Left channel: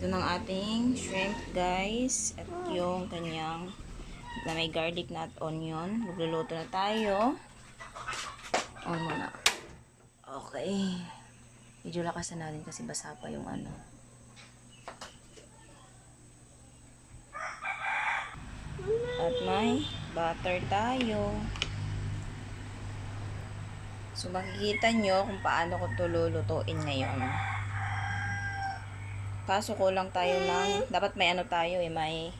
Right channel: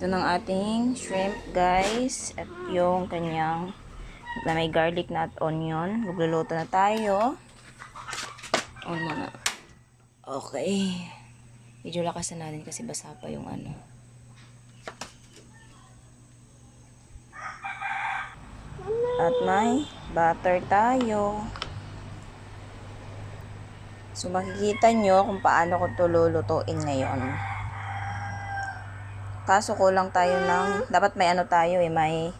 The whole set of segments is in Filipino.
Ito ng ating shrimp, guys. At yung kanyang na may garlic na at onion. Magluluto na tayo. On muna. Okay. Medyo lakasan natin kasi basa pa yung ano. At may butter tayo. So, makikita nyo kung paano ko ito lulutuin ngayon. Kaso kulang tayo ng, dapat may ano tayo eh, may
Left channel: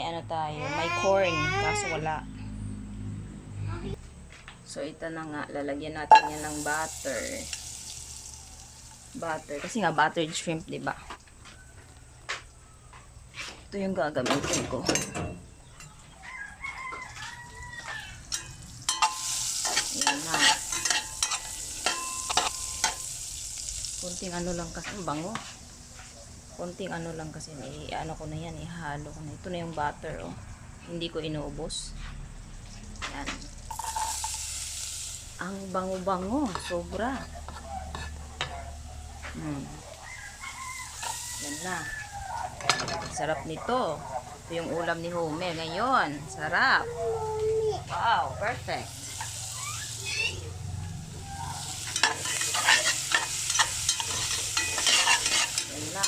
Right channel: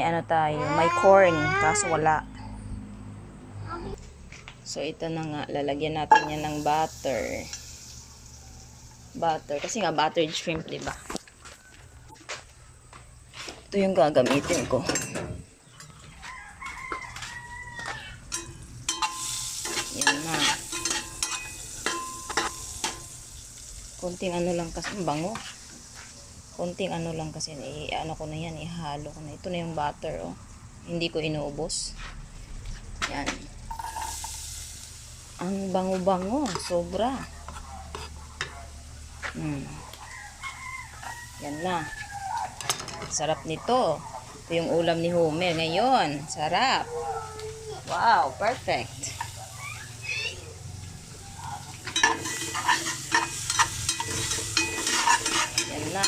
ano tayo, may corn, kaso wala. So, ito na nga, lalagyan natin yan ng butter. Butter, kasi nga buttered shrimp, diba? Ito yung gagamitin ko. Yan na. Konting ano lang kasi, bango. Konting ano lang kasi, ano ko na yan, ihalo ko na. Ito na yung butter, oh. Hindi ko inuubos. Yan. Ang bango-bango, sobra. Yan na. Sarap nito. Ito yung ulam ni Homer ngayon. Sarap. Wow, perfect. Yan na.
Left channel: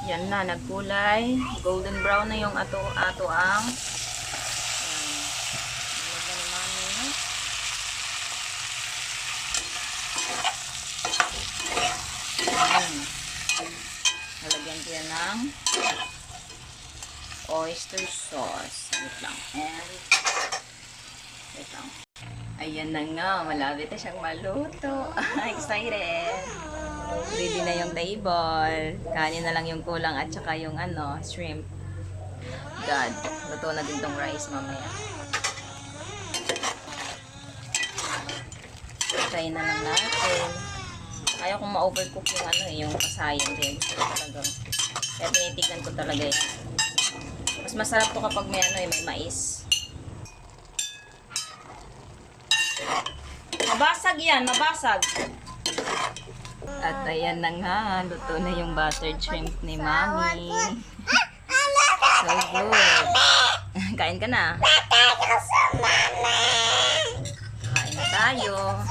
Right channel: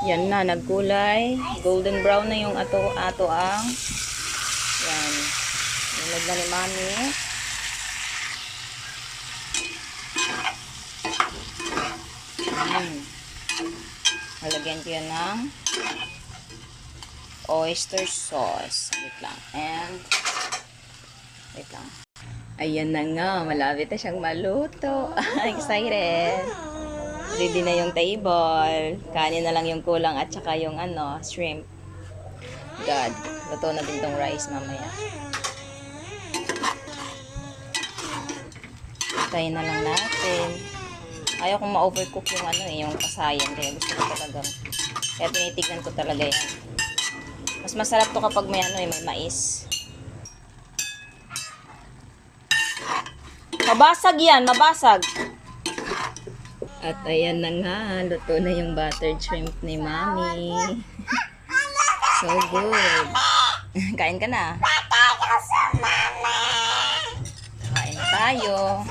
Yan na, nagkulay. Golden brown na yung ato ang. Yan. Nilagyan na ni Mami. Halagyan ko yan ng oyster sauce. Wait lang. And, wait lang. Ayan na nga. Malapit na siyang maluto. Excited. Ready na yung table. Kanin na lang yung kulang at saka yung ano, shrimp. God. Luto na din tong rice mamaya. Tayin na lang natin. Ayaw kong ma-overcook yung ano eh, yung kasayan. Kaya gusto ko talagang, kaya tinitignan ko talaga yan. Mas masarap to kapag may ano eh, may mais. Mabasag yan, mabasag. At ayan na nga, luto na yung buttered shrimp ni Mami. So good. Kain ka na. Kain na tayo.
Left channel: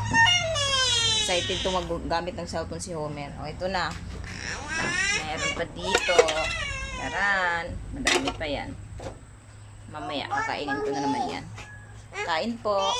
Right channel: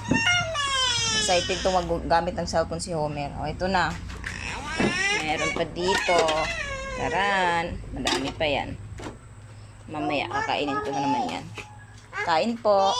Excited to maggamit ng cellphone si Homer. O, ito na. Meron pa dito. Taran. Madami pa yan. Mamaya, kakainin ko na naman yan. Kain po.